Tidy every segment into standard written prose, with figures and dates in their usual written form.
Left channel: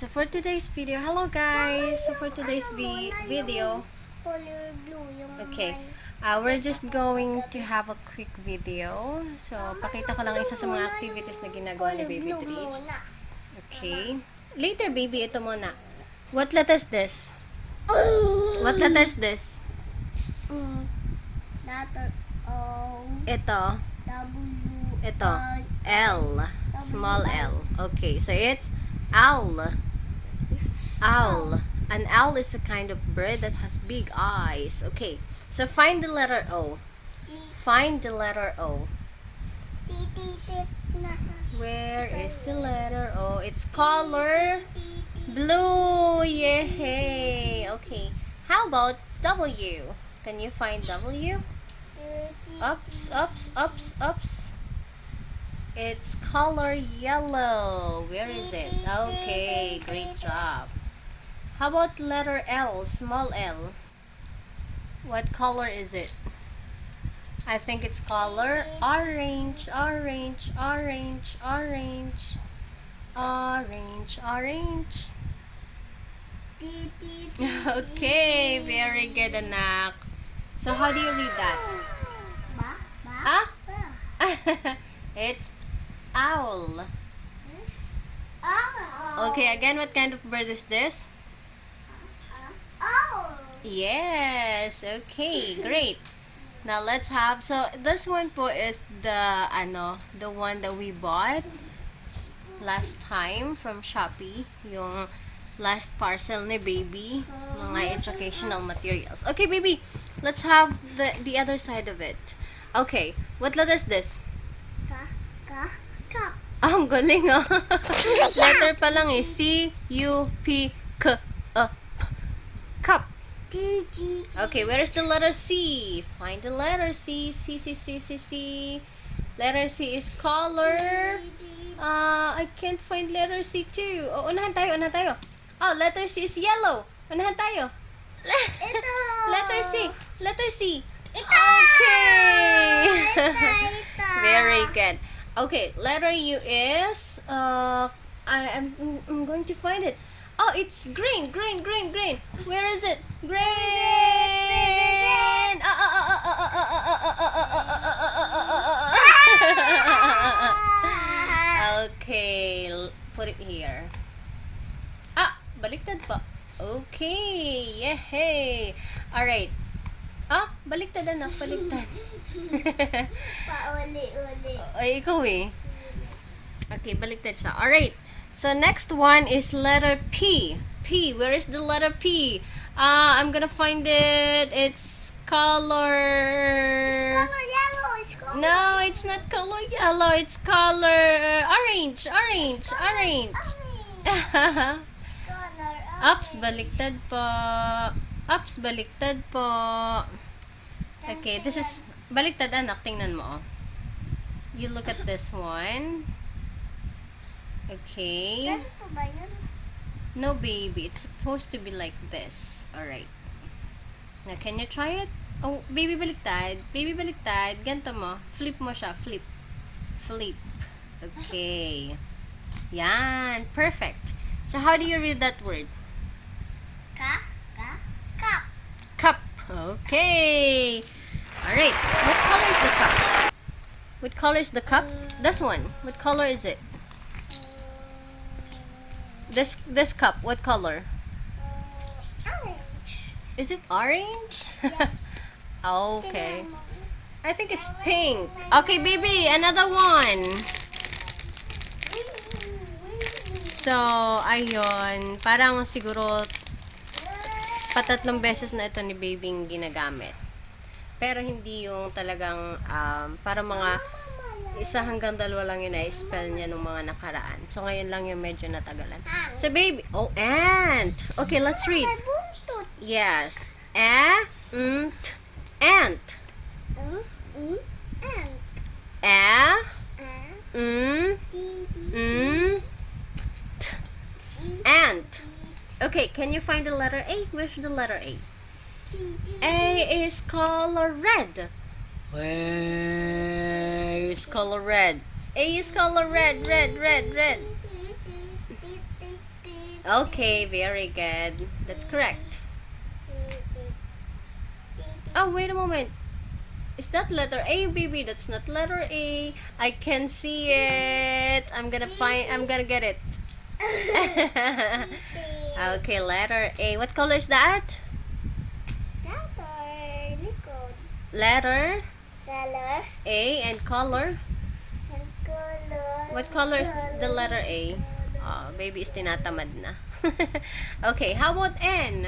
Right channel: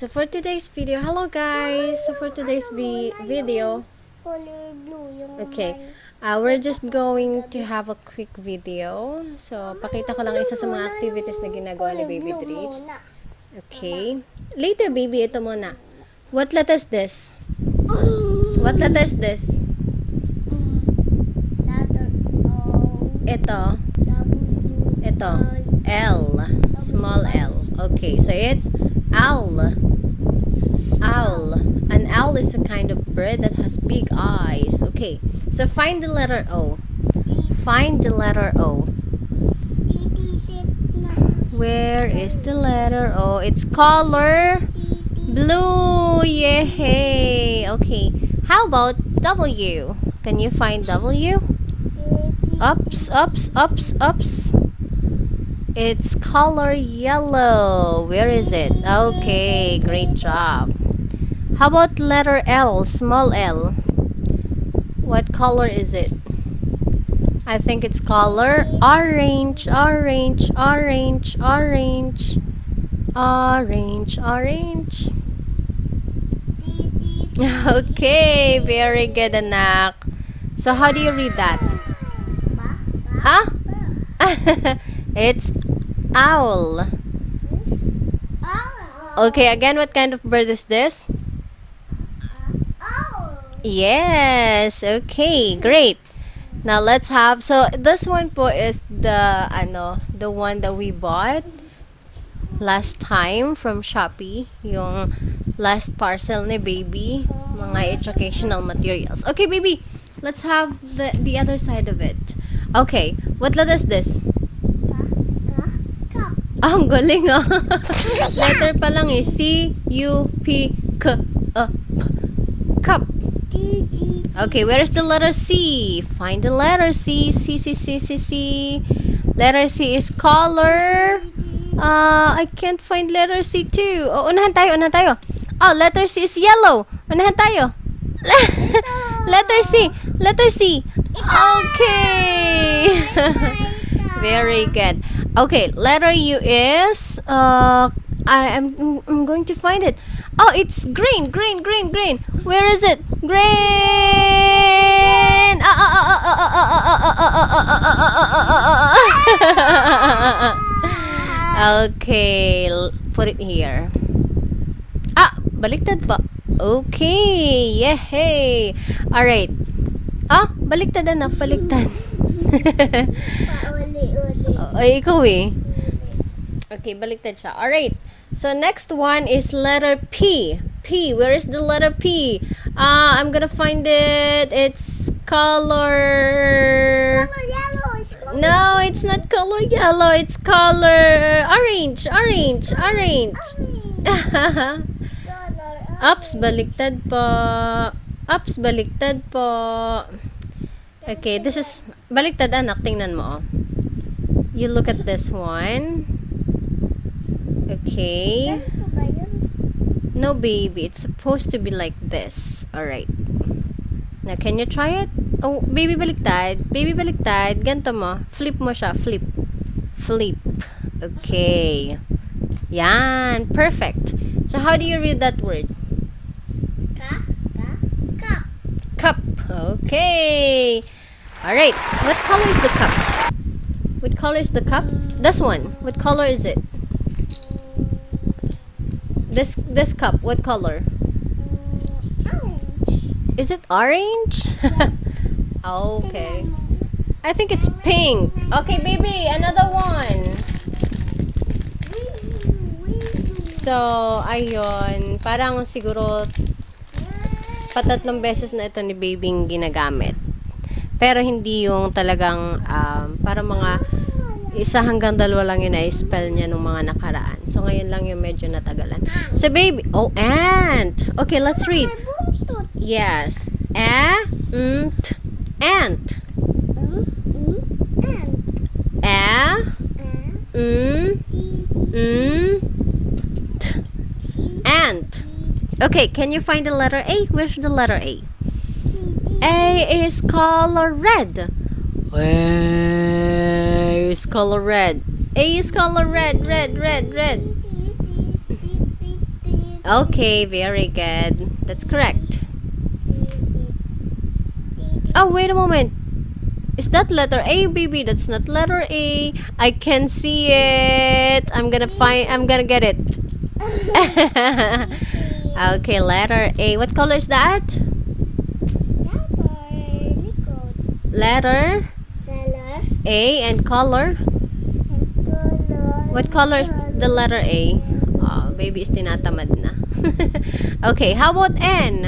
So for today's video, hello guys. So for today's video, Color blue yung okay, we're just going to have a quick video. So pakita ko lang isa sa mga activities na ginagawa ni Baby Drich. Okay. Later, baby, ito muna. What letter is this? What letter is this? letter O, Ito. W, Ito. L. Small L. Okay, so it's owl. Owl. An owl is a kind of bird that has big eyes. Okay, so find the letter O. Find the letter O. Where is the letter O? It's color blue. Yay! Okay, how about W? Can you find W? Ups, ups, ups, ups. It's color yellow. Where is it? Okay, great job. How about letter L, small L? What color is it? I think it's color orange, orange, orange, orange, orange, orange. Okay, very good, anak. So how do you read that? Huh? It's owl. Okay, again, what kind of bird is this? Yes. Okay, great. Now let's have, so this one po is the one that we bought last time from Shopee, yung last parcel ni baby, mga educational materials. Okay, baby, let's have the other side of it. Okay, what letter is this? Ah, ang galing ah. Letter pa lang eh. C-U-P-K. Cup. Okay, where is the letter C? Find the letter C. C, C, C, C, C. Letter C is color. I can't find letter C too. Oh, unahan tayo, unahan tayo. Oh, letter C is yellow. Unahan tayo. Letter C. Letter C. Okay. Very good. Okay, letter U is I'm going to find it. Oh, it's green, green, green, green. Where is it? Green. Okay, put it here. Ah, baliktad pa. Okay, yay. All right. Ah, baliktad anak, baliktad. Ay, ikaw eh. Okay, baliktad siya. Alright. So, next one is letter P. P. Where is the letter P? I'm gonna find it. It's color... color yellow. It's color No, it's not color yellow. It's color orange. Orange. Orange. It's color Ups, baliktad po. Ups, baliktad po. Okay, this is... Baliktad anak, tingnan mo. You look at this one. Okay. Ganito ba yun? No, baby. It's supposed to be like this. Alright. Now, can you try it? Oh, baby, baliktad. Baby, baliktad. Ganito mo. Flip mo siya. Flip. Flip. Okay. Yan. Perfect. So, how do you read that word? Cup. Cup. Okay. Alright. What color is the cup? What color is the cup? This one. What color is it? This cup. What color? Orange. Is it orange? Yes. Okay. I think it's pink. Okay, baby, another one. So, ayun. Parang siguro patatlong beses na ito ni babyng ginagamit. Pero hindi yung talagang para mga 1 hanggang 2 lang yun na-spell niya nung mga nakaraan. So, ngayon lang yung medyo natagalan. So, baby, oh, ant. Okay, let's read. Yes. Ant. Ant. Ant. Okay, can you find the letter A? Where's the letter A? A is color red. Where is color red? A is color red, red, red, red. Okay, very good. That's correct. Oh, wait a moment. Is that letter A, baby? That's not letter A. I can see it. I'm gonna get it. Okay, letter A. What color is that? Letter A and color. What color is the letter A? Oh, baby is tinatamad na. Okay, how about N?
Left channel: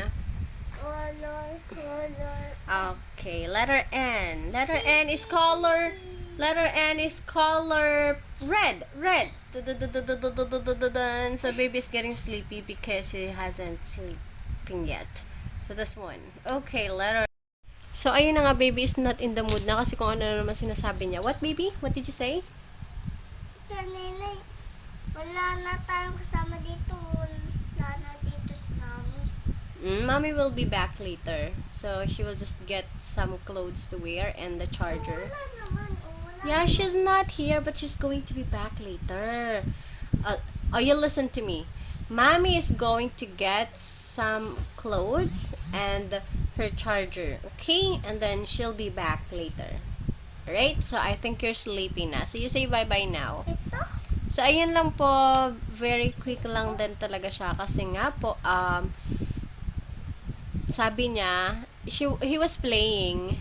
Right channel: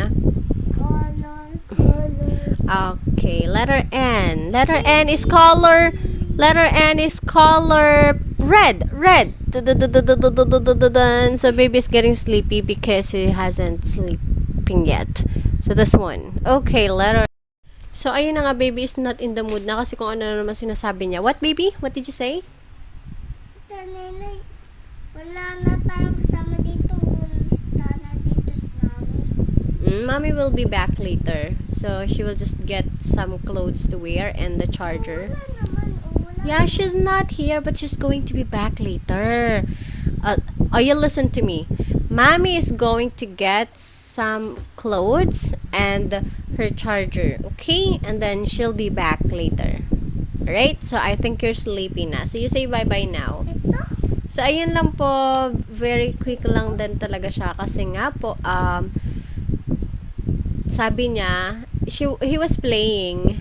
Okay, letter N. Letter N is color. Letter N is color red. Red. Dun. So baby is getting sleepy because he hasn't sleeping yet. So this one. Okay, letter. So ayun na nga, baby is not in the mood na kasi kung ano na naman sinasabi niya. What, baby? What did you say? Nenay, wala na tayong kasama dito. Wala na dito sa namin. Mommy will be back later. So she will just get some clothes to wear and the charger. Wala naman. Wala. Yeah, she's not here, but she's going to be back later. You listen to me. Mommy is going to get some clothes and her charger, okay? And then she'll be back later. Alright? So I think you're sleepy na. So you say bye-bye now. Ito? So ayun lang po. Very quick lang din talaga siya kasi nga po, sabi niya, he was playing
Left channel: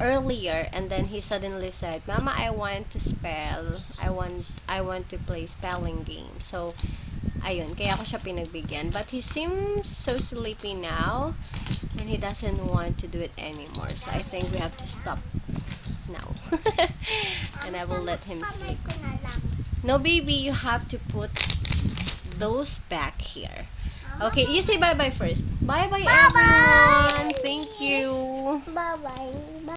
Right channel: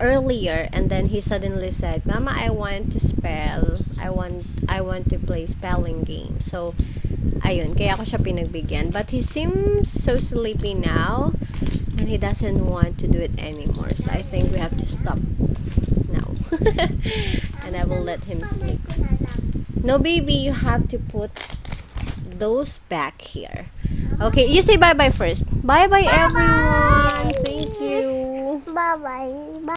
earlier and then he suddenly said, Mama, I want to spell. I want to play spelling game. So ayun, kaya ako siya pinagbigyan. But he seems so sleepy now and he doesn't want to do it anymore. So I think we have to stop now. And I will let him sleep. No, baby, you have to put those back here. Okay, you say bye-bye first. Bye-bye, everyone. Thank you. Bye-bye. Bye.